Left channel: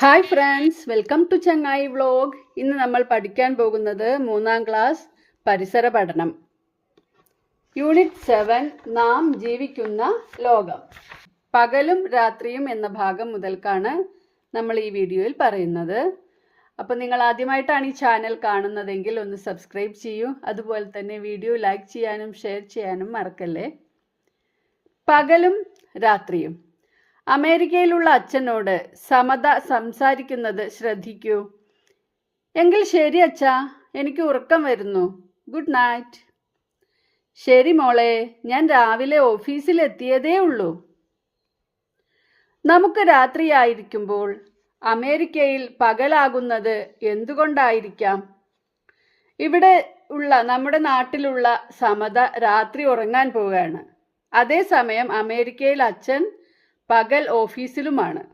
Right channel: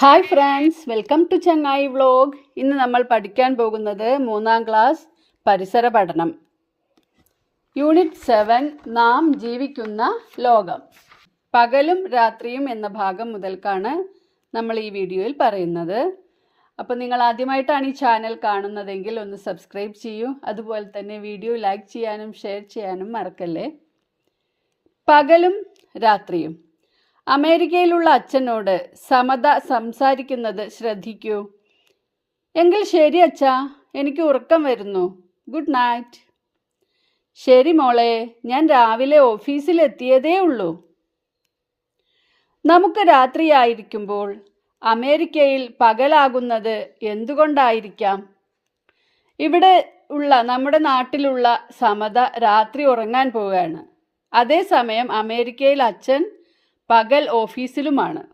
Hi friends welcome to Changayi vlog ഇന്ന് നമ്മൾ പഠിക്കാൻ പോകുന്നത് മൂന്നാം ക്ലാസ് പരിസര പഠനം. യൂണിറ്റ് സെവൻ നാം ജീവിക്കുന്ന ലോകം. പകലും രാത്രിയും എന്ന ഭാഗം മുതൽക്കാണ് നമ്മൾ ഈ വീഡിയോയിൽ പറയുന്നത്. അപ്പോൾ നിങ്ങൾ ആദ്യമായിട്ടാണ് ഈ ചാനൽ കാണുന്നതെങ്കിൽ ഒന്ന് സബ്സ്ക്രൈബ് ചെയ്യൂ. അതുപോലെ തന്നെ വീഡിയോ ലൈക്ക് ചെയ്യാനും ഷെയർ ചെയ്യാനും മറക്കല്ലേ. പകലും രാത്രിയും. അമേരിക്കയിലുള്ള അച്ഛനോട് സമത സംസാരിക്കുന്നത് ശ്രദ്ധിക്കൂ. എങ്കിൽ ശരി അച്ഛാ എനിക്ക് ഉറക്കം വരുന്നു. Good night. ശരി മോളെ ഞാൻ രാവിലെ ഓഫീസിൽ എത്തിയതേ ഉള്ളൂ. നമുക്ക് രാത്രിയായിരിക്കുമ്പോൾ അമേരിക്കയിൽ പകലാകുന്നത് എന്തുകൊണ്ടായിരിക്കാം? ഇവിടെ ഉള്ള നമ്മുടെ നാട്ടിലുള്ള സമത രാത്രി ഉറങ്ങാൻ പോവുകയാണ്. അതേസമയം അമേരിക്കയിൽ അച്ഛൻ പകൽ ഓഫീസിലുമാണ്.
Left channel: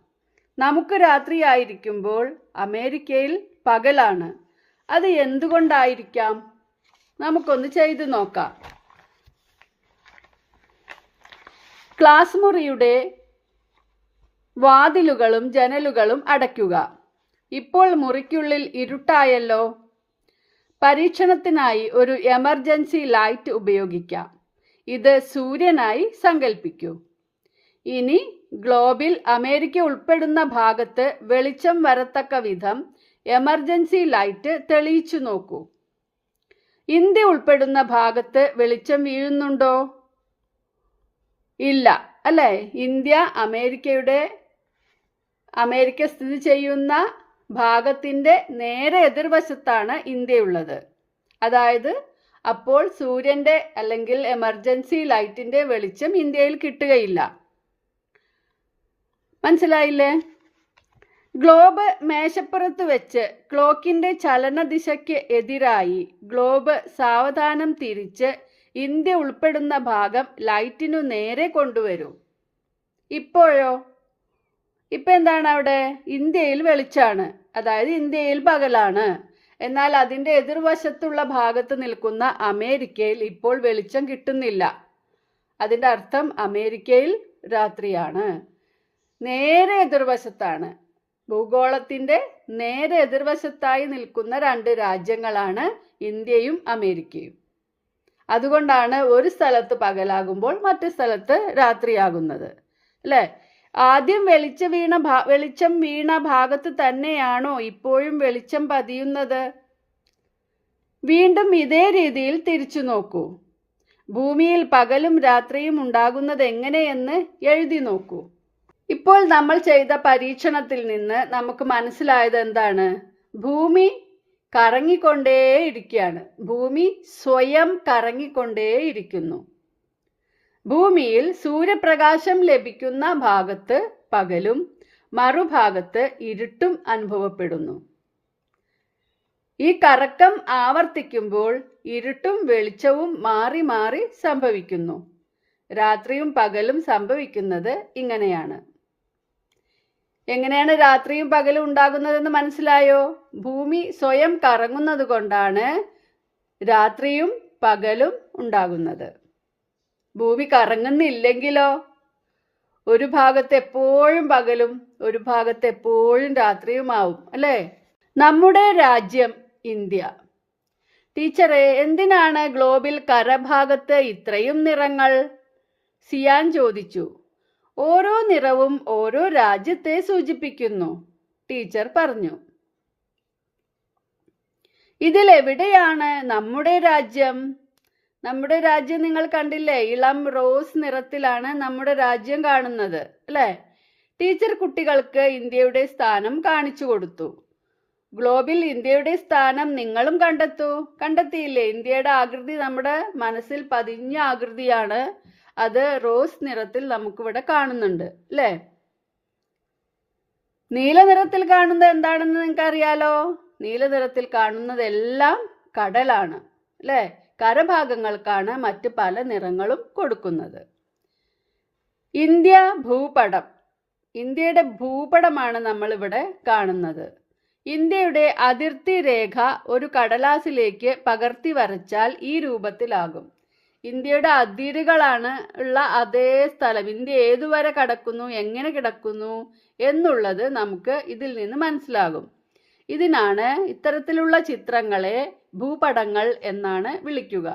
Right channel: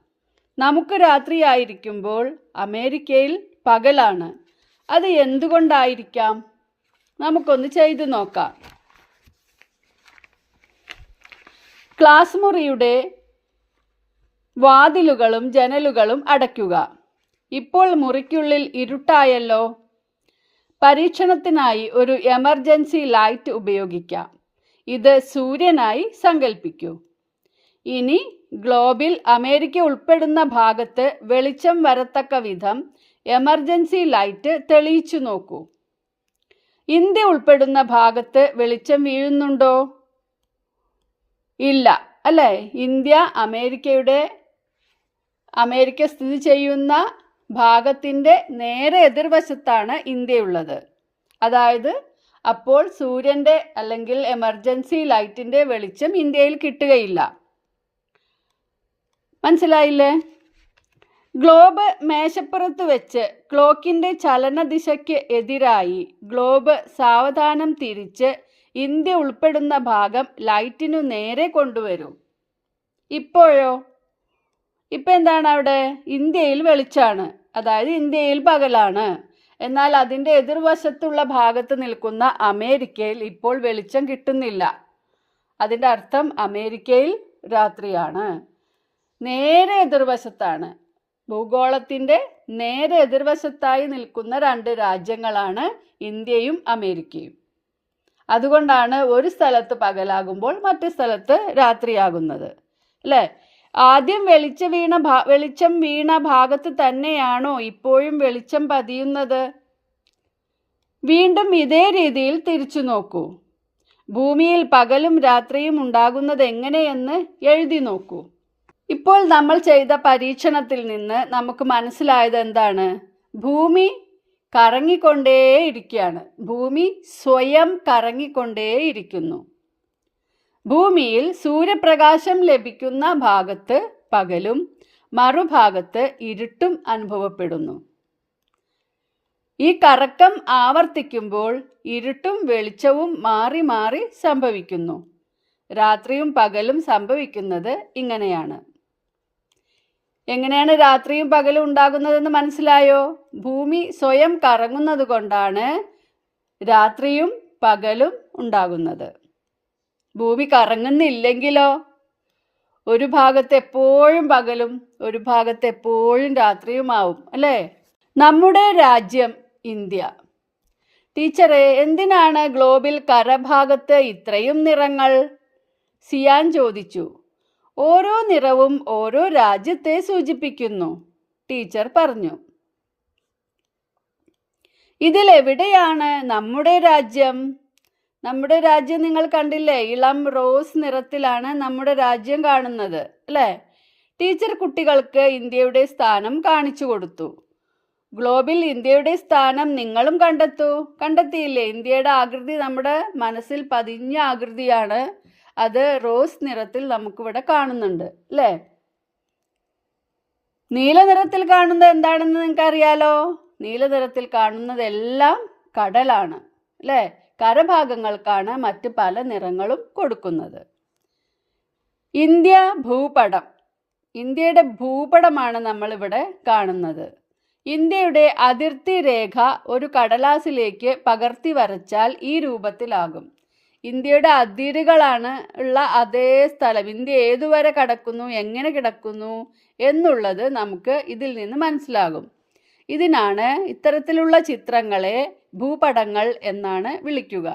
നമുക്ക് രാത്രിയായിരിക്കുമ്പോൾ അമേരിക്കയിൽ പകലാണ്. അത് എന്തുകൊണ്ടായിരിക്കാം? നമുക്കൊന്ന് ചെയ്തു നോക്കാം. ക്ലാസ് മുറിയുടെ വാതിലുകളും ജനലുകളും അടയ്ക്കുക. ഇപ്പോൾ മുറിക്കുള്ളിൽ ഇരുട്ടായല്ലോ. പരീക്ഷണത്തിനായി ഒരു എമർജൻസി ലൈറ്റ് ഉപയോഗിക്കാം. ഇത് സൂര്യനായി സങ്കൽപ്പിക്കൂ. ഇനി ഗ്ലോബിൽ അമേരിക്ക ഉൾപ്പെടുന്ന ഭാഗത്ത് വെളിച്ചം വരത്തക്ക വിധം എമർജൻസി ലൈറ്റ് തെളിയിച്ചു നോക്കൂ. ഇന്ത്യ ഉൾപ്പെടുന്ന ഭാഗത്ത് വെളിച്ചം വീഴുന്നുണ്ടോ? ഇല്ല. അല്ലേ? ഇന്ത്യ അമേരിക്കയുടെ അമേരിക്ക സ്ഥിതി ചെയ്യുന്ന ഭാഗത്തിന്റെ നേരെ എതിർവശത്താണ് ഇന്ത്യയുള്ളത്. അതായത് അപ്പോൾ സൂര്യന്റെ അല്ലെങ്കിൽ എമർജൻസി ലൈറ്റിന്റെ വെളിച്ചം ഇന്ത്യയിൽ കിട്ടുകയില്ല. മനസ്സിലായില്ലേ? ഗ്ലോബ് മേശപ്പുറത്ത് വെച്ച് ക്ലോക്കിന്റെ ചലനദിശയ്ക്ക് എതിരായി ഗ്ലോബ് സാവധാനം തിരിച്ച് ഇന്ത്യ ഉൾപ്പെടുന്ന ഭാഗം ലൈറ്റിനു നേരെ കൊണ്ടുവരും. ഇപ്പോഴോ? ഇപ്പം എന്താണ് അവിടെ? ഇന്ത്യയിൽ വെളിച്ചാണ്. അതായത് ഇന്ത്യയിൽ പകലാണ്. എന്നാൽ അതിന്റെ എതിർവശത്തുള്ള ഭാഗത്ത് നിൽക്കുന്ന അമേരിക്കയിൽ ഇപ്പോൾ വെളിച്ചം കിട്ടുന്നില്ല. അതിന്റെ അർത്ഥം അമേരിക്കയിൽ രാത്രിയാണ്. നേരെ എതിർവശത്താണ്. ഭൂഗോളത്തിന്റെ നേരെ എതിർവശത്തായി നിൽക്കുന്ന രണ്ട് രാജ്യങ്ങളാണ് ഇന്ത്യയും അമേരിക്കയും. അതുകൊണ്ടാണ് ഒരു സ്ഥലത്ത് പകലാകുമ്പോൾ മറ്റു സ്ഥലത്ത് രാത്രിയാകുന്നത്. അല്ലേ? ആദ്യം വെളിച്ച വീണ ഭാ വെളിച്ചം വീണ ഭാഗത്ത് തന്നെയാണോ ഇപ്പോഴും വെളിച്ചം പതിയുന്നത്? വീണ്ടും ഇതേ രീതിയിൽ തിരിച്ചു നോക്കൂ. ഭൂമിയിൽ പകലും രാത്രിയും ഉണ്ടാകുന്നത് എങ്ങനെയെന്ന് എഴുതി നോക്കൂ. ഇപ്പോൾ നമ്മൾ ചെയ്ത പരീക്ഷണത്തിൽ നിന്ന് നമുക്ക് മനസ്സിലായത് എന്താണ്? ഭൂമി കറങ്ങിക്കൊണ്ടേയിരിക്കുകയാണ്. ഭൂമി സ്വയം കറങ്ങിക്കൊണ്ടേയിരിക്കുന്നു. ഭൂമിയിൽ സൂര്യപ്രകാശം ലഭിക്കുന്ന ഭാഗത്ത് പകലും മറുഭാഗത്ത് ഇരുട്ടും അനുഭവപ്പെടുന്നു. ഈ കറക്കം ആവർത്തിക്കുമ്പോൾ ഇരുട്ടും വെളിച്ചവും മാറി മാറി സംഭവിക്കുന്നു. രാത്രിയും പകലും സംഭവിക്കുന്നത് ഇങ്ങനെയാണ്. എങ്ങനെയാണ് രാത്രിയും പകലും ഉണ്ടാകുന്നതെന്ന് മനസ്സിലായോ? ഭൂമി സ്വയം കറങ്ങുന്നത് കൊണ്ടാണ് രാത്രിയും പകലും ഉണ്ടാകുന്നത്. ഭൂമി കറങ്ങുന്നില്ലെങ്കിലോ? ഒരു ഭാഗത്ത് എപ്പോഴും പകലും ഒരു ഭാഗത്ത് എപ്പോഴും രാത്രിയുമാവും അല്ലേ? നമ്മുടെ രാജ്യം ഇന്ത്യ. ടീച്ചറെ എന്തിനാണ് ഗ്ലോബിൽ കരഭാഗത്ത് ഇത്രയും നിറങ്ങൾ? സിയാൻ ചോദിച്ചു. ഓരോ നിറവും ഓരോ രാജ്യത്തെ സൂചിപ്പിക്കുന്നു. ടീച്ചർ പറഞ്ഞു. ഇതിലെവിടെയാണ് നമ്മുടെ രാജ്യം? നമ്മുടെ രാജ്യം നിങ്ങൾ കണ്ടില്ലേ? ഇളം റോസ് നിറത്തിലാണ് നമ്മുടെ രാജ്യം കാണുന്നത് അല്ലേ? ടീച്ചർ കുട്ടികൾക്ക് ഇന്ത്യയുടെ സ്ഥാനം കാണിച്ചു കൊടുത്തു. ഗ്ലോബിൽ ഇന്ത്യയുടെ സ്ഥാനം നിങ്ങളും കണ്ടെത്തൂ. കണ്ടെത്തിയില്ലേ? ഇന്ത്യയുടെ ആകൃതി നമ്മുടെ മനസ്സിൽ പതിഞ്ഞ ആകൃതിയാണ് അത് റോസ് നിറത്തിൽ നമുക്കിവിടെ കാണുന്നുണ്ട് അല്ലേ? നീല നിറത്തിൽ കാണുന്നത് എന്താണെന്ന് നിങ്ങൾക്ക് അറിയാലോ നീല നിറത്തിൽ കാണുന്നതെല്ലാം കടലാണ് അല്ലേ? കരഭാഗങ്ങൾക്കാണ് മറ്റ് പല നിറങ്ങളും കൊടുക്കുന്നത്. ഇന്ത്യ ഭൂപടം. ഇന്ത്യയുടെ ഭൂപടമാണ് നമ്മളിവിടെ കാണുന്നത്. ഇന്ത്യയുടെ അതിർത്തി രേഖ ഒരു കടലാസിലേക്ക് പകർത്തി വരച്ചാൽ ഈ രൂപത്തിലാകും. ഇന്ത്യയുടെ അതിരുകളാണ് ഉള്ള അതേ സ്ഥലം. ഇന്ത്യ ഏതുവരെ കിടക്കുന്നു എങ്ങനെ കിടക്കുന്നു എന്നുള്ളത് നമുക്ക് ഇതിൽ നിന്ന് മനസ്സിലാകും. ഇതിനാണ് ഇത്തരത്തിലുള്ള ചിത്രങ്ങളെ ഭൂപടങ്ങൾ എന്നാണ് വിളിക്കുക.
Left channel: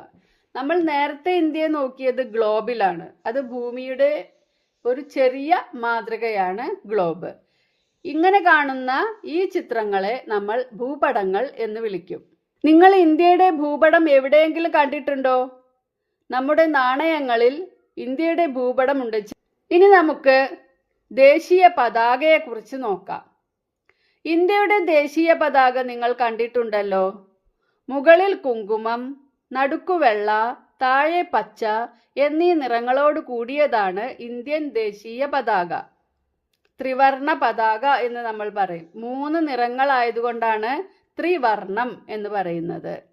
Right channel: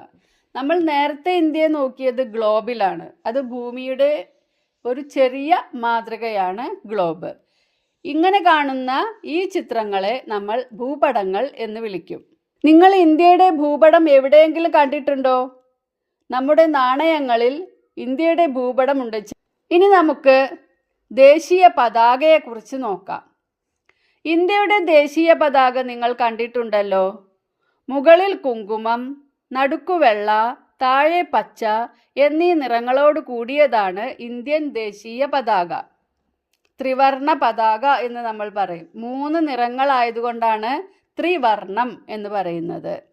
നമ്മൾ നേരത്തെ ഇന്ത്യയെ നോക്കിയത് ഗ്ലോബിലാണ്. അത് ഭൂമിയുടെ ഒരു ചെറിയ മാതൃകയാണ് ഗ്ലോബ്. ഇങ്ങനെ കാണുന്ന ഈ ചിത്രങ്ങളെ നമ്മൾ ഭൂപടങ്ങൾ എന്ന് വിളിക്കും. നിങ്ങൾ ഇന്ത്യയുടെ ഭൂപടം എവിടെയെങ്കിലും കണ്ടിട്ടുണ്ടോ? നമ്മുടെ നാണയങ്ങളിൽ ഇന്ത്യയുടെ ഭൂപടമുണ്ട് ഇനി നമുക്ക് ദേശീയ പതാകയെക്കുറിച്ച് നോക്കാം. ഇന്ത്യയുടെ ദേശീയ പതാക നിങ്ങൾ കണ്ടിട്ടുണ്ടല്ലോ. മുകളിൽ കുങ്കുമം നടുക്കുവെള്ള താഴെ പച്ച എന്നീ നിറങ്ങളോട് കൂടിയതാണ് ഇന്ത്യൻ ദേശീയ പതാക. ത്രിവർണ പതാക എന്ന് നമ്മൾ പറയും. മൂന്ന് നിറങ്ങളായതുകൊണ്ടാണ് ത്രിവർണം എന്ന് പറയുന്നത്.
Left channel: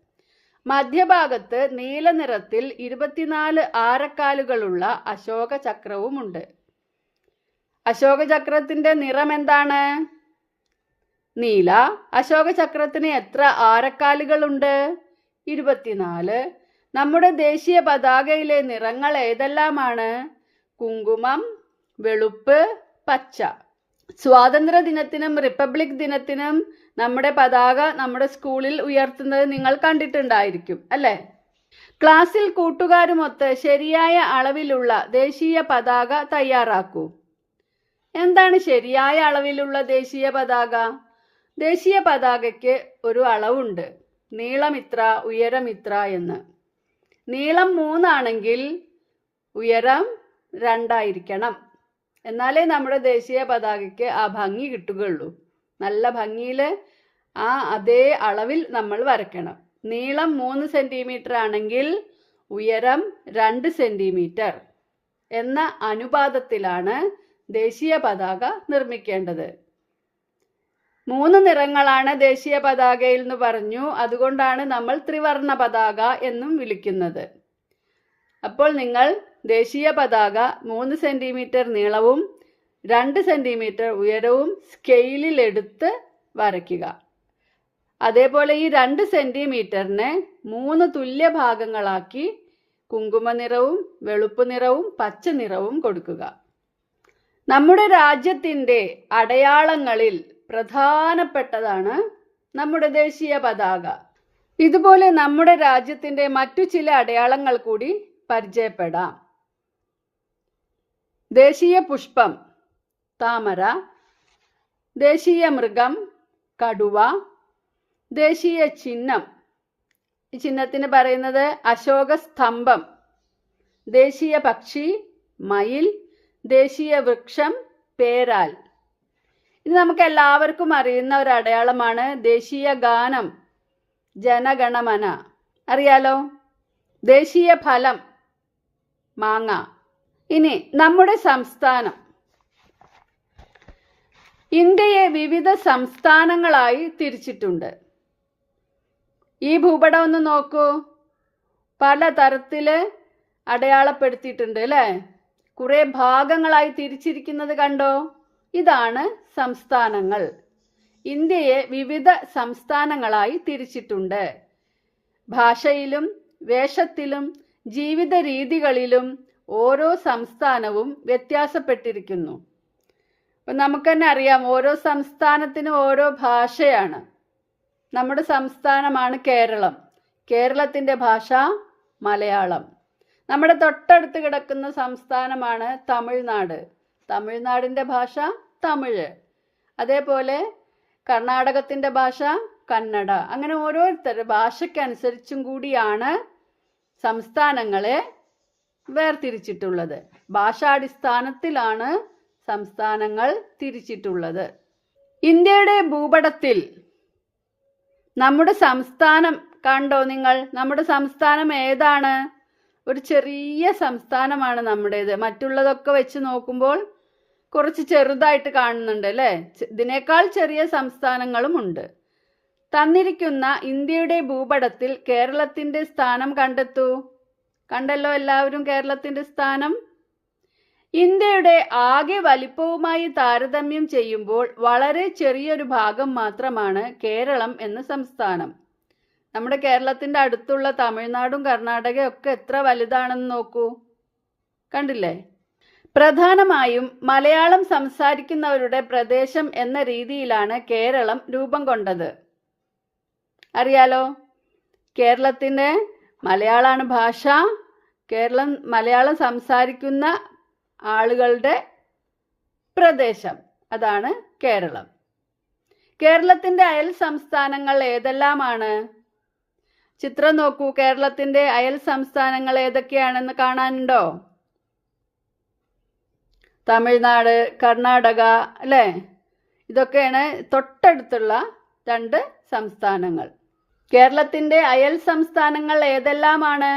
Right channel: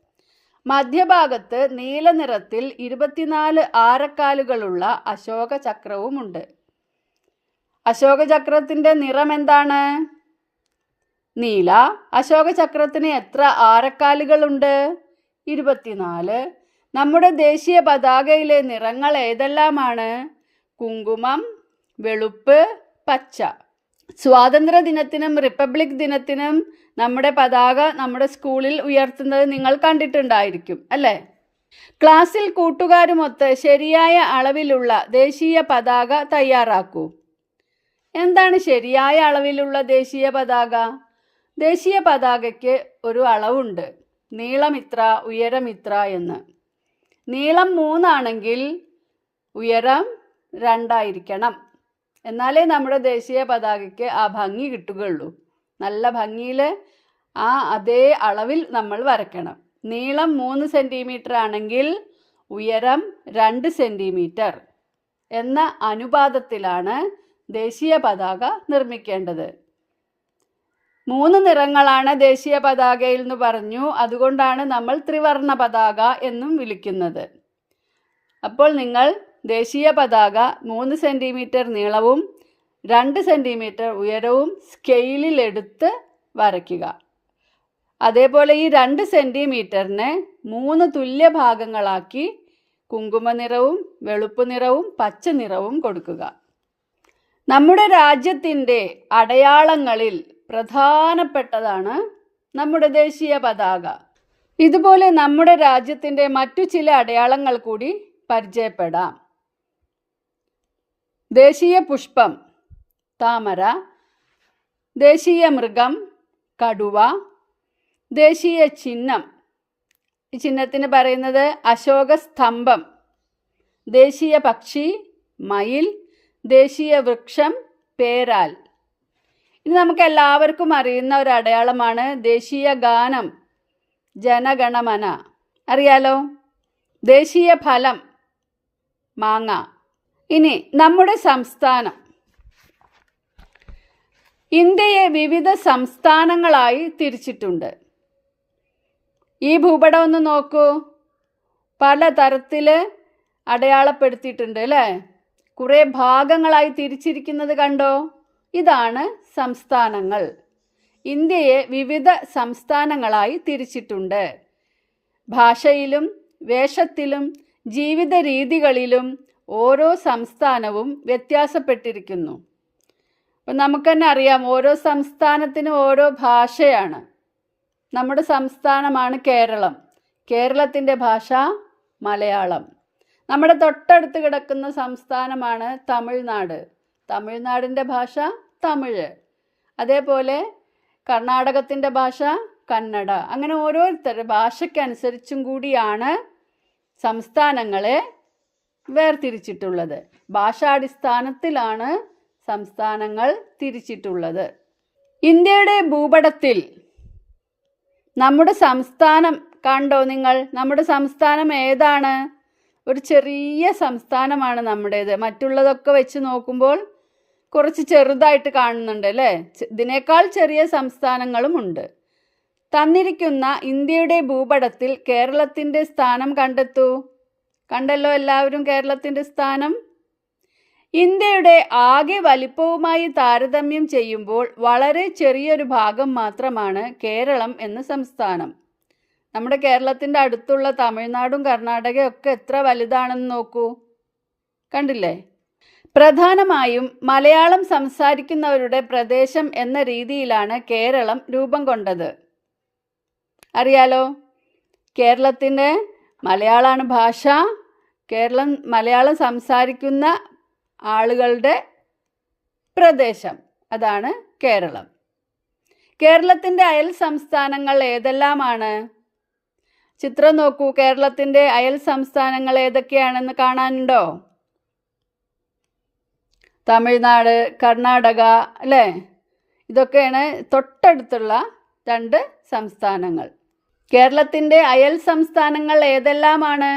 മധ്യഭാഗത്ത് നീല നിറത്തിൽ ഇരുപത്തിനാല് ആരക്കാലുകളുള്ള അശോക ചക്രവുമുണ്ട് അശോക ചക്രത്തിന്റെ നിറം എന്താണ്? നീല. അശോക ചക്രത്തിന് എത്ര ആരക്കാലുകളുണ്ട്? ഇരുപത്തിനാല്. നമ്മുടെ ദേശീയ പതാകയിലെ നിറങ്ങൾ ഏതെല്ലാമാണ്? കുങ്കുമം വെളുപ്പ് പച്ച. സ്വാതന്ത്ര്യ ദിനത്തിനും റിപ്പബ്ലിക് ദിനത്തിനും നമ്മുടെ പതാക നമ്മുടെ സ്കൂളിൽ ഉയർത്തുന്നത് നിങ്ങൾ കണ്ടിട്ടുണ്ടായിരിക്കും അല്ലേ? ക്ലാസ്സിൽ കൂട്ടുകാരുമൊത്ത് ശരിയായ അളവിലുള്ള ദേശീയ പതാക തയ്യാറാക്കൂ. എന്താണ് ശരിയായ അളവിലുള്ള ദേശീയ പതാക? ദേശീയ പതാകയ്ക്ക് ഒരു അളവുണ്ട്. നീളമിത്ര ഉയരമിത്ര എന്ന്. നീളം മൂന്നാണെങ്കിൽ ഉയരം രണ്ടായിരിക്കണം. എന്നാലേ നമ്മുടെ ദേശീയ പതാകയ്ക്ക് ആ ഭംഗി കിട്ടുകയുള്ളൂ. നല്ല ഭംഗിയിൽ ആ അതേ അളവിൽ നമ്മൾ വരയ്ക്കണം. നീളം മൂന്ന് സെന്റിമീറ്റർ ആണെങ്കിൽ ഉയരം രണ്ട് സെന്റിമീറ്റർ എന്ന അനുപാതത്തിലാണ് ദേശീയ പതാക നിർമ്മിക്കേണ്ടത്. മൂന്ന് നിറങ്ങളാണ് ദേശീയ പതാകയിൽ എന്ന് പറഞ്ഞു. അതുകൊണ്ടാണ് നമ്മൾ ത്രിവർണ പതാക എന്നും വിളിക്കുന്നത്. അപ്പോൾ നിങ്ങൾ ദേശീയ പതാക മൂന്ന് സെന്റിമീറ്റർ നീളവും രണ്ട് സെന്റിമീറ്റർ ഉയരവും സ്കെയിലിൽ എടുത്ത് വരയ്ക്കുക. അതേപോലെ ഈ രണ്ട് സെന്റിമീറ്ററിനെ മൂന്ന് തുല്യ ഭാഗങ്ങളാക്കി കുങ്കുമ നിറവും വെളുപ്പ് നിറവും പച്ച നിറവും കൊടുക്കുക. നമ്മുടെ രാജ്യത്തിന്റെ അടയാളങ്ങളിൽ പ്രധാനപ്പെട്ടതാണ് നമ്മുടെ ദേശീയ പതാക. ഇതുപോലെ നമ്മുടെ രാജ്യത്തിന്റെ മറ്റു ചില അടയാളങ്ങൾ കൂടി പരിചയപ്പെടാം. ദേശീയ പുഷ്പം. താമര ദേശീയ മൃഗം കടുവ ദേശീയ ചിഹ്നം. ഈ ചിഹ്നത്തിന് പറയുന്നത് അശോക സ്തംഭം. ദേശീയ പക്ഷി മയിൽ ദേശീയ വൃക്ഷം പേരാൽ. ഇനി നമുക്ക് എല്ലാവർക്കും അറിയുന്ന ഒരു അടയാളമാണ് ദേശീയ ഗാനം ജനഗണമന. അറിയാലോ? ദേശീയ ഫലം മാങ്ങ. ഇനി നമ്മുടെ സംസ്ഥാനം. ഇന്ത്യയെ വിവിധ സംസ്ഥാനങ്ങളായി തിരിച്ചിട്ടുണ്ട്. ഈ ഭൂപടം ഒന്ന് നോക്കൂ. പല തരത്തിൽ അടയാളപ്പെടുത്തിയിട്ടുണ്ട് അല്ലേ? കുറേ ഭാഗങ്ങളായി തിരിച്ചിരിക്കുന്നത് കണ്ടോ? ഇതാണ് സംസ്ഥാനങ്ങൾ. ഇന്ത്യയെ വിവിധ സംസ്ഥാനങ്ങളായി തിരിച്ചിട്ടുണ്ട്. ഭാഷയിലും വേഷത്തിലും ജീവിത രീതികളിലും ഓരോ സംസ്ഥാനവും വ്യത്യാസപ്പെട്ടിരിക്കുന്നു. അപ്പം നമുക്ക് തന്നെ അറിയാം ഓരോ സംസ്ഥാനത്തിനും ഓരോ ഭാഷയാണ്. നമ്മുടെ സംസ്ഥാനമാണ് കേരളം. കേരളത്തിന്റെ ഭാഷ മലയാളം. നമ്മുടെ തൊട്ടടുത്ത് കിടക്കുന്ന സംസ്ഥാനമാണ് തമിഴ്നാട്. തമിഴ്നാടിന്റെ ഭാഷ തമിഴ്. അതേപോലെ കർണാടകത്തിന്റെ ഭാഷ കന്നഡ. അങ്ങനെ ഓരോരുത്തർ ഭാഷയ്ക്കനുസരിച്ചും കൂടിയാണ് സംസ്ഥാനങ്ങളെ വേർതിരിച്ചിട്ടുള്ളത്. ഭാഷാടിസ്ഥാനത്തിലാണ് സംസ്ഥാനങ്ങൾ തിരിച്ചിട്ടുള്ളത്. ഇന്ത്യയുടെ ഭൂപടത്തിൽ നമ്മുടെ സംസ്ഥാനം കണ്ടോ നിങ്ങൾ? നമ്മുടെ സംസ്ഥാനം ഏതാണ്? ഒരു ചെറിയ സംസ്ഥാനമാണ് നമ്മുടേത്. മറ്റുള്ളതൊക്കെ വെച്ച് നോക്കുമ്പോൾ കുറച്ച് ചെറുതായിട്ട് കാണുന്നുണ്ട് അല്ലേ? ഇതിനേക്കാൾ ചെറിയ സംസ്ഥാനങ്ങളും ഉണ്ട്. തന്നിരിക്കുന്ന ഇന്ത്യയുടെ ഭൂപടത്തിൽ കേരളത്തിന്റെ സ്ഥാനം കണ്ടെത്തൂ. കണ്ടല്ലോ എല്ലാവരും കേരളത്തിന്റെ സ്ഥാനം? ഇന്ത്യയുടെ ആകെ വലിപ്പവുമായി താരതമ്യം ചെയ്യുമ്പോൾ വളരെ ചെറിയൊരു ഭാഗം മാത്രമാണ് കേരളം എന്ന സംസ്ഥാനം. നമ്മുടെ കേരളത്തിന്റെ അടുത്തുള്ള തമിഴ്നാടും കർണാടകയും ഒക്കെ എത്ര വലുതാണെന്ന് നോക്കൂ. കണ്ടില്ലേ? പ്രധാനമായും മലയാളം സംസാരിക്കുന്നവരുടെ പ്രദേശം എന്ന രീതിയിലാണ് കേരളം രൂപം കൊണ്ടത്. അറിയാലോ? കേരളത്തിന്റെ മലയാളമാണ് ഭാഷ. കേരളം മലയാളം സംസാരിക്കുന്ന ആളുകളുടെ പ്രദേശം. അതാണ് കേരളം. കേരളത്തിന്റെ അയൽ സംസ്ഥാനങ്ങൾ ഏതെല്ലാമാണ്? ചിത്രം നോക്കൂ. കേരളത്തിന്റെ അയൽ സംസ്ഥാനങ്ങൾ ഏതൊക്കെയാണെന്ന് കാണാനുണ്ടോ? തമിഴ്നാട് കർണാടക അല്ലേ? ഇതൊക്കെയാണ് തൊട്ടടുത്തുള്ള രണ്ട് സംസ്ഥാനങ്ങൾ. കേരളത്തിന്റെ അയൽ സംസ്ഥാനങ്ങൾ ഏതെല്ലാമാണ്?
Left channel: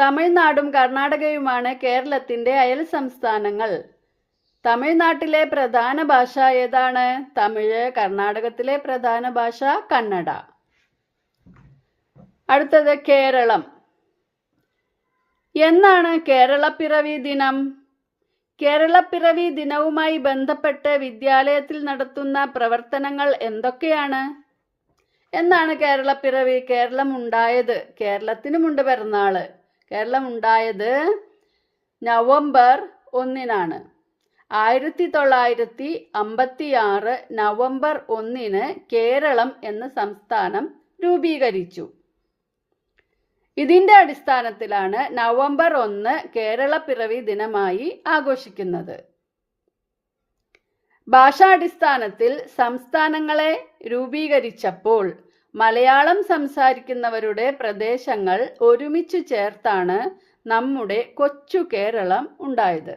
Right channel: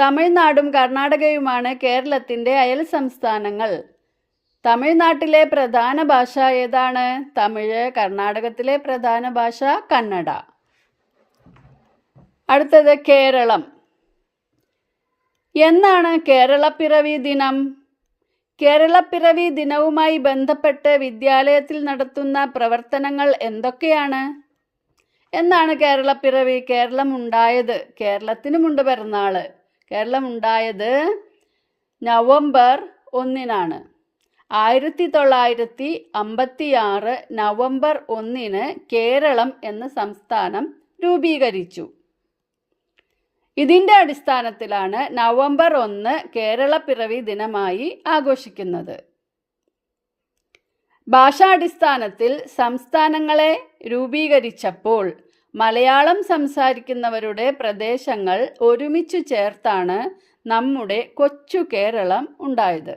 തമിഴ്നാടും കർണാടകയുമാണ് കേരളത്തിന്റെ അയൽ സംസ്ഥാനങ്ങൾ. തമിഴ്നാട്ടിലെ പ്രധാന ഭാഷ ഏതാണ്? തമിഴ് കർണാടകത്തിലെ പ്രധാന ഭാഷ കന്നഡ. അടുത്തത് കേരളം. എന്നാണ് കേരളപ്പിറവി ദിനം? കേരളപ്പിറവി ദിനവുമായി ബന്ധപ്പെട്ട് വിദ്യാലയത്തിൽ നടത്തുന്ന പ്രവർത്തനങ്ങൾ എന്തൊക്കെയാണ്? എന്നാണ് കേരളപ്പിറവി കേരളം ഉണ്ടായത് കേരളത്തിനുമുണ്ട് പിറന്നാൾ. കേരളം ഉണ്ടായത് നവംബർ ഒന്നിനാണ്. ആയിരത്തി തൊള്ളായിരത്തി അമ്പത്തി ആറ് നവംബർ ഒന്നിന് കേരളം എന്ന സംസ്ഥാനം രൂപീകരിച്ചു. ഇതിന്റെ അടിസ്ഥാനത്തിലാണ് നവംബർ ഒന്ന് പിറവി ദിനമായി ആഘോഷിക്കുന്നത്. ഭാഷാടിസ്ഥാനത്തിൽ സംസ്ഥാനങ്ങളെ രൂപീകരിച്ചപ്പോൾ മലയാളം സംസാരിക്കുന്നവരുടെ പ്രദേശങ്ങൾ ഒരുമിച്ചു ചേർത്താണ് നമ്മുടെ കൊച്ചു കേരളം ഉണ്ടായത്.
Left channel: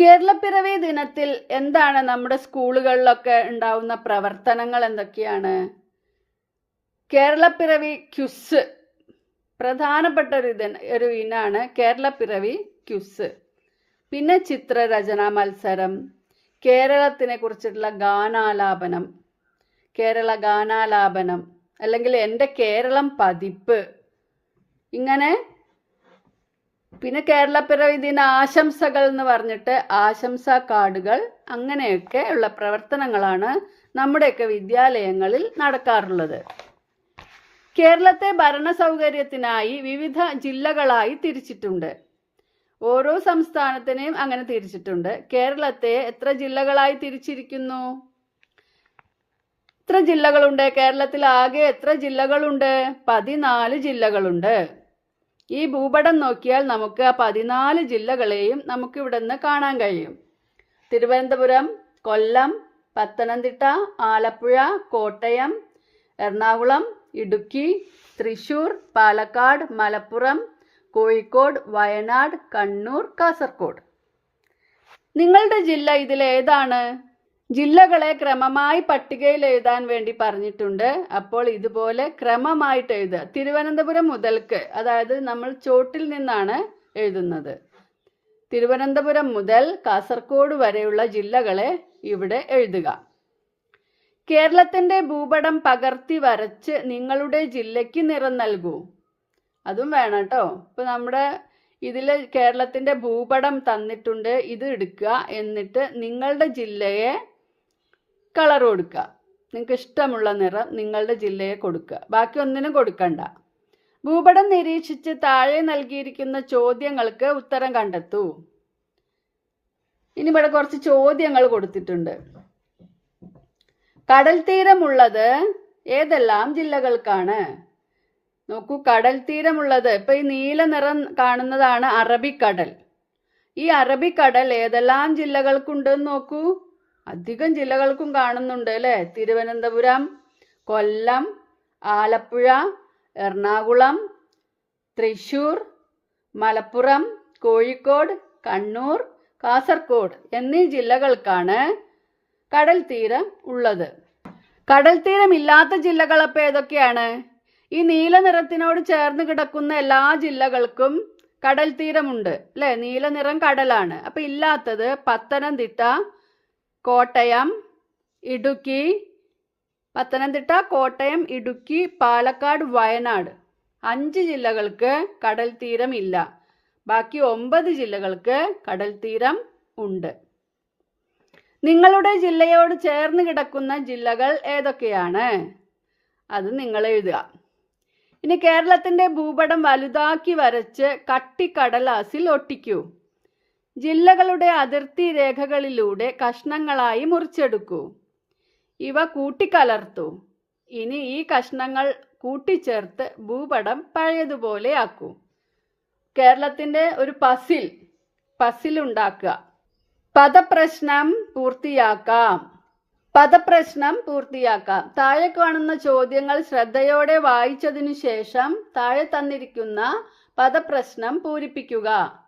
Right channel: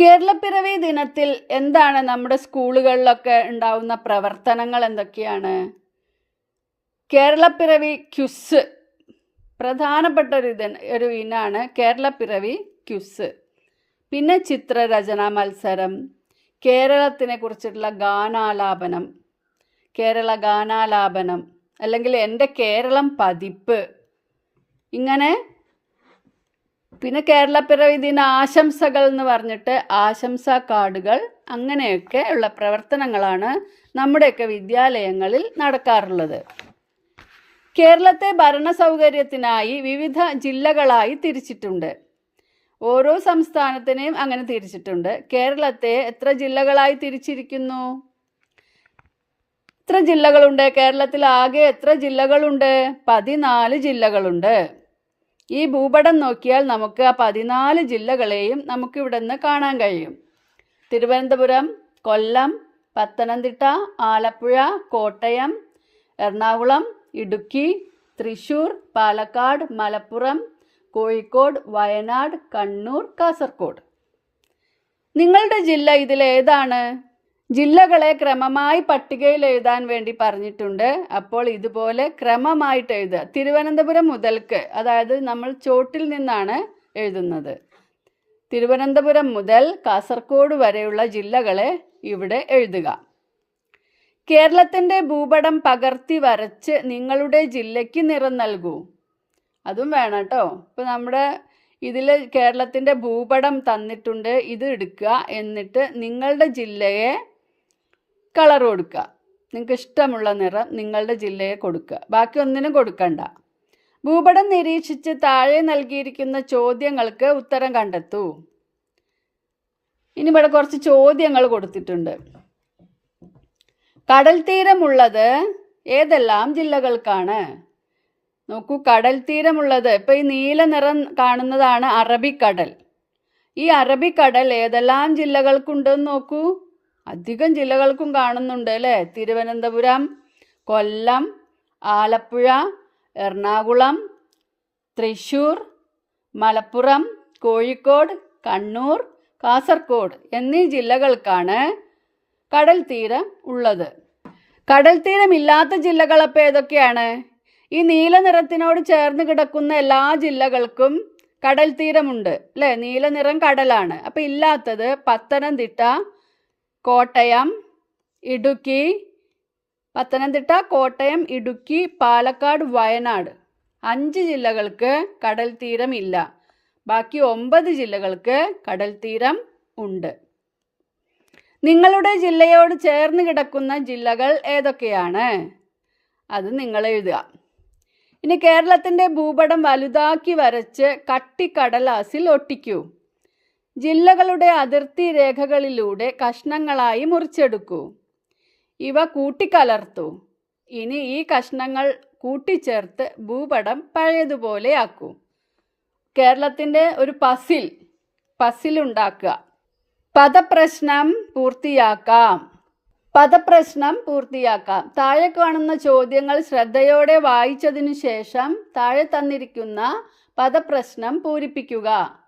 കേരളപ്പിറവി ദിനത്തിൽ എന്താണ് നമ്മുടെ സ്കൂളുകളിലൊക്കെ ഉണ്ടാവുന്ന പ്രവർത്തനങ്ങൾ എന്തൊക്കെയാണ്? കേരളപ്പിറവി ക്യുസ്. പ്രധാനപ്പെട്ട ഒരു ഇത് ഒരു ഇനാണ് കേരളപ്പിറവി ക്യുസ്. പിന്നെ ചിത്രരചനാ മത്സരം കേരളത്തിനെ കുറിച്ചിട്ടുള്ള ഗാനാലാപനം കേരള ഗാനാലാപനം അല്ലെങ്കിൽ എന്റെ കേരളം പതിപ്പ്. ഇങ്ങനെ പിന്നെ കേരളപ്പിറവി ദിന ആശംസകൾ എന്ന് പറഞ്ഞിട്ട് ആശംസാ കാർഡുകൾ അങ്ങനെയൊക്കെ ഉള്ള പ്രവർത്തനങ്ങളാണ് നമ്മുടെയൊക്കെ വിദ്യാലയങ്ങളിൽ നടക്കാറുള്ളത്. കേരളത്തെ ഭരണ സൗകര്യത്തിനായി വിവിധ ജില്ലകളായി തിരിച്ചിട്ടുണ്ട്. ഓരോ സംസ്ഥാനത്തിനെയും അങ്ങനെ തിരിച്ചിട്ടുണ്ട്. കേരളത്തെ എത്ര ജില്ലകളായി തിരിച്ചിരിക്കുന്നു? എത്ര ജില്ലകളുണ്ട്? കേരളത്തിൽ ആകെ എത്ര ജില്ലകളുണ്ട്? പതിനാല് ജില്ലകളുണ്ട്. ഈ ഭൂപടം നോക്കിയാൽ നമുക്ക് ആ പതിനാല് ജില്ലകളെയും നമുക്ക് ഇവിടെ നിന്ന് കാണാൻ കഴിയും. തിരുവനന്തപുരം കൊല്ലം പത്തനംതിട്ട ആലപ്പുഴ കോട്ടയം എറണാകുളം ഇടുക്കി തൃശൂർ പാലക്കാട് മലപ്പുറം കോഴിക്കോട് വയനാട് കണ്ണൂർ കാസർഗോഡ് നിങ്ങളുടെ ജില്ല ഇതിലേതാണ്? ജില്ലകളെ ക്രമമായി പട്ടികയിൽ എഴുതാൻ വേണ്ടി പറഞ്ഞിട്ടുണ്ട്. അപ്പോൾ ഇതുപോലെ ക്രമമായിട്ട് എഴുതുക. തിരുവനന്തപുരം മുതൽക്ക് അതായത് നമ്മൾ ചോട്ടിൽ നിന്നാണ് എഴുതുന്നത്. തിരുവനന്തപുരം മുതൽ കാസർഗോഡ് വരെയുള്ള ജില്ലകളെ ഇവിടെ എഴുതുക. കേരളത്തിന്റെ ഭൂപടം പകർത്തി വരച്ച് നിങ്ങളുടെ ജില്ലയ്ക്ക് നിറം നൽകൂ. അതും വേണം കേട്ടോ. ഇപ്പം നമ്മുടെ ഇതിൽ കേരളത്തിന്റെ ഭൂപടം തന്നിട്ടുണ്ട്. ഇത് എടുക്കുക. എന്നിട്ട് നിങ്ങളുടെ ജില്ലയെ കളർ കൊടുക്കുക നിങ്ങൾക്ക് ഇഷ്ടമുള്ള നിറം നിങ്ങളുടെ ജില്ലയെ കൊടുക്കുക ബാക്കി ഒന്നിനും കൊടുക്കണ്ട. ഭൂപടം നിരീക്ഷിച്ച് താഴെ നൽകിയിരിക്കുന്ന ചോദ്യങ്ങൾക്ക് ഉത്തരം കണ്ടെത്തൂ. ഇനി ഇവിടെ കുറച്ച് ചോദ്യങ്ങൾ കൊടുത്തിട്ടുണ്ട്. കടൽ തീരമുള്ളത് ഏതെല്ലാം ജില്ലകൾക്കാണ്? നോക്കൂ കടൽ തീരമുള്ളത്. ഇപ്പൊ ഈ നീല നിറം കാണുന്നതാണ് അറബിക്കടൽ. ഈ അറബിക്കടൽ ഏതെല്ലാം ജില്ലകൾക്കുണ്ടെന്ന് നോക്കൂ. അധികം ജില്ലകൾക്കും കാണുന്നുണ്ട് അല്ലേ? തിരുവനന്തപുരം കൊല്ലം ആലപ്പുഴ എറണാകുളം തൃശ്ശൂർ മലപ്പുറം കോഴിക്കോട് കണ്ണൂർ കാസർഗോഡ് എന്നീ ജില്ലകൾക്കാണ് കടൽ തീരം ഉള്ളത്. കടൽ തീരമില്ലാത്ത ജില്ലകളപ്പോൾ ഏതൊക്കെയാണ്? ഈ നീല നിറത്തിനോട് ചേർന്ന് കിടക്കുന്ന എല്ലാ ജില്ലകൾക്കും കടൽ തീരമുണ്ട് അല്ലേ? നീല നിറം കടലാണ്. അപ്പോൾ ഇല്ലാത്തത് പത്തനംതിട്ട കോട്ടയം ഇടുക്കി പത്തനംതിട്ട കോട്ടയം ഇടുക്കി പാലക്കാട് വയനാട്. അഞ്ച് ജില്ലകൾക്ക് കടൽ തീരം ഇല്ല ബാക്കി ഒമ്പത് ജില്ലകൾക്ക് കടൽ തീരം ഉണ്ട്. നിങ്ങളുടെ ജില്ലയോട് ചേർന്ന് കിടക്കുന്ന ജില്ലകൾ ഏതൊക്കെയാണ്? അത് നിങ്ങൾ എഴുതുക. ഇനി കേരളത്തിന്റെ ഭൂപടം വലുതാക്കി വരച്ച് കട്ടിക്കടലാസിൽ ഒട്ടിക്കൂ. ജില്ലകളുടെ അതിർത്തി രേഖകളിലൂടെ കഷ്ണങ്ങളായി മുറിച്ചെടുക്കൂ. ഇവ കൂട്ടിക്കലർത്തു. ഇനി ഈ കഷ്ണങ്ങൾ കൂട്ടിച്ചേർത്ത് ഭൂപടം പഴയതുപോലെയാക്കൂ. കേരളത്തിന്റെ ഒരു പസിൽ പസിലുണ്ടാക്കുക. പദപ്രശ്നം പൂർത്തിയാക്കാം. പദപ്രശ്നം പൂർത്തിയാക്കാം. താഴെ കാണുന്ന ചോദ്യങ്ങൾ ശ്രദ്ധയോടെ വായിച്ചതിനു ശേഷം താഴെ തന്നിരിക്കുന്ന പദപ്രശ്നം പൂരിപ്പിക്കുക.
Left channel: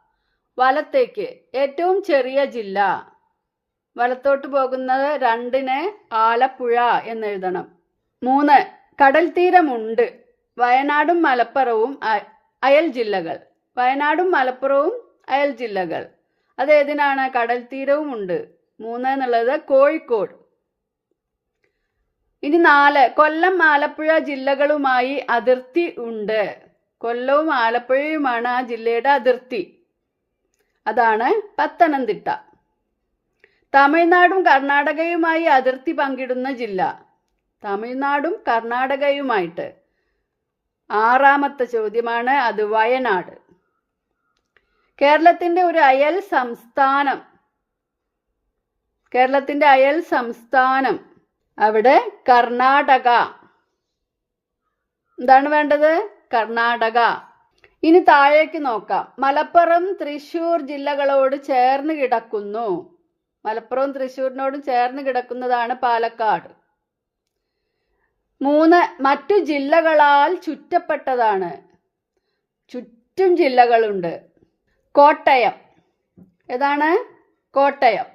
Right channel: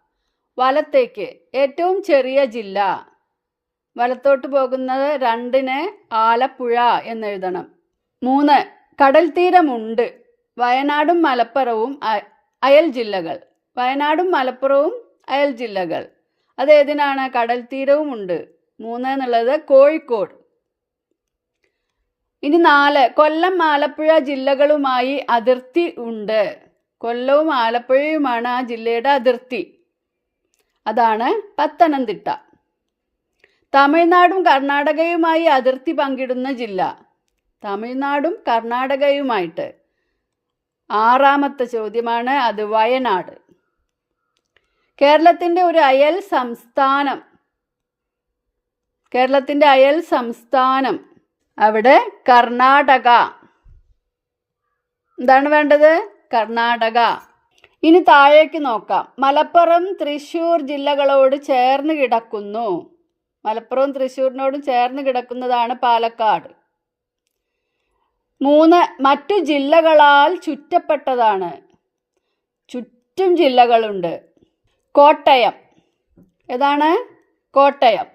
വലത്തേക്ക്. ഏറ്റവും ചെറിയ ജില്ല. വലത്തോട്ട് പോകുന്നത് രണ്ടിന് ആലപ്പുഴ എന്നെഴുതണം. മൂന്ന് കടൽ തീരമുണ്ട്. വയനാടും മലപ്പുറവും അയൽ ജില്ലകൾ. വയനാടും മലപ്പുറവും അയൽ ജില്ലകൾ. അതേതിനാണ് കടൽ തീരവും ഉണ്ട്. മൂന്ന് എന്നുള്ളത് കോഴിക്കോട്. ഇനി നാല് കൊല്ലം ആലപ്പുഴ ജില്ലകളുമായി അതിർത്തി ഉണ്ട്. കൊല്ലവും ആലപ്പുഴയുമാണ് ആ ജില്ലയുടെ അതിർത്തി. അതാണ് പത്തനംതിട്ട. തമിഴ്നാടും കർണാടകയുമായി അതിർത്തി പങ്കിടുന്ന ജില്ല. തമിഴ്നാടും കർണാടകയുമായിട്ട്. ആറാമത്തെ ചോദ്യമാണ് അത് വയനാട്. കേരളത്തിന്റെ ഒരു അയൽ സംസ്ഥാനം. കേരളത്തിന്റെ അയൽ സംസ്ഥാനം അവിടെ കർണാടക. എന്താണ് വേണ്ടത്? കർണാടക. ഇനി താഴേക്ക് നോക്കാം. മലപ്പുറം തൃശൂർ ജില്ലകളോട് ചേർന്ന് കിടക്കുന്നു. മലപ്പുറവും തൃശ്ശൂരിനോടും ചേർന്ന് കിടക്കുന്നതാണ് പാലക്കാട്. മൂന്ന് മറ്റു ജില്ലകളാൽ ചുറ്റപ്പെട്ടതാണ്. ചുറ്റും ജില്ലകളുണ്ട്. കോട്ടയം. ഏതാണ്? കോട്ടയം.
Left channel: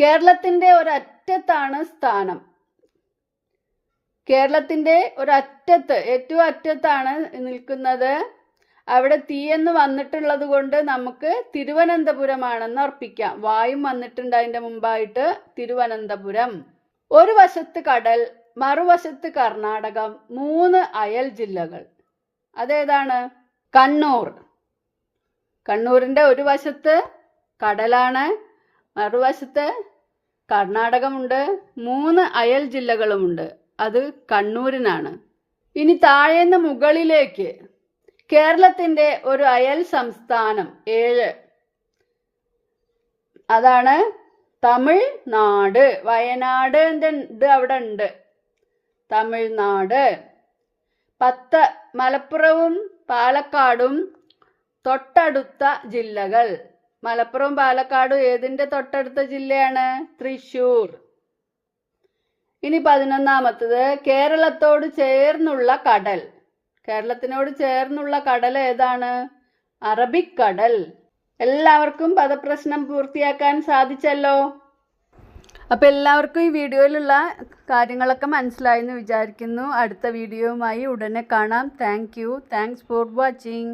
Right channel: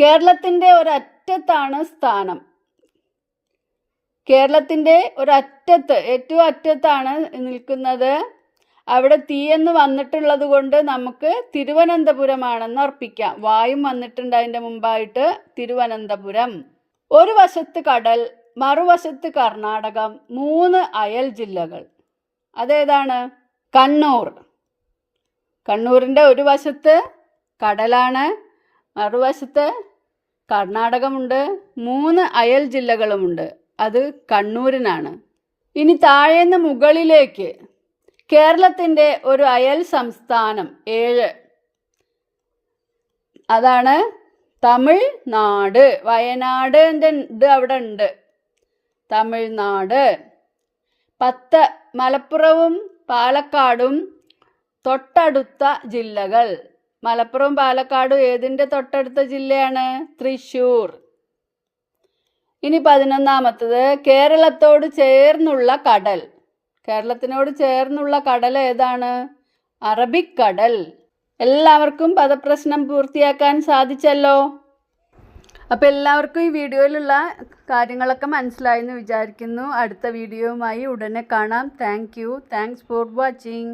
കേരളത്തിന്റെ ഒരറ്റത്താണ് സ്ഥാനം. കേരളത്തിന്റെ ഒരറ്റത്ത് ഏറ്റവും അറ്റത്താണ് നിൽക്കുന്നത്. അവിടെ തീയെന്ന് വന്നിട്ടുള്ളത് കൊണ്ട് നമുക്ക് തിരുവനന്തപുരമാണെന്ന് ഉറപ്പിക്കാം. വായും വന്നിട്ടുണ്ട് അതിന്റെ മുമ്പായിട്ട് തിരുവനന്തപുരം. ഒരു വശത്ത് കടൽ മറുവശത്ത് കർണാടകം മൂന്ന് അയൽ ജില്ലകൾ. അതേതാണ്? കണ്ണൂർ. കണ്ണൂരിന്റെ ഒരു വശത്ത് കടലാണ് മറുവശത്ത് കർണാടകമുണ്ട് മൂന്ന് അയൽ ജില്ലകളുമുണ്ട്. അത് കണ്ണൂരിനാണ്. ഇനി താഴേന്ന് മുകളിലേക്ക് കേരളത്തിന്റെ ഒരു അയൽ സംസ്ഥാനം ഏഴ്. അതാണ് തമിഴ്നാട്. വയനാട് ഇത് അവിടെ ഉണ്ട്. തമിഴ്നാട്. പത്ത് മലപ്പുറവും പാലക്കാടും തൊട്ടടുത്ത ജില്ലകൾ. മലപ്പുറം പാലക്കാടും ഏതിന്റെ തൊട്ടടുത്ത ജില്ലയാണ്? തൃശ്ശൂർ. ഇനി പതിനൊന്നാമത്തത് കേരളത്തോട് ചേർന്നുള്ള കടൽ. കേരളത്തിനോട് ചേർന്നുള്ള കടൽ ഏതാണ്? അറബിക്കടൽ. എല്ലാവർക്കും പദപ്രശ്നം പൂർത്തിയാക്കാൻ സാധിച്ചല്ലോ? അപ്പോൾ എല്ലാവർക്കും ഈ വീഡിയോയിലുള്ള കാര്യങ്ങളൊക്കെ മനസ്സിലായെന്ന് വിചാരിക്കുന്നു. അടുത്ത വീഡിയോയുമായി ഉടനെ കാണാം. Thank you thanks for watching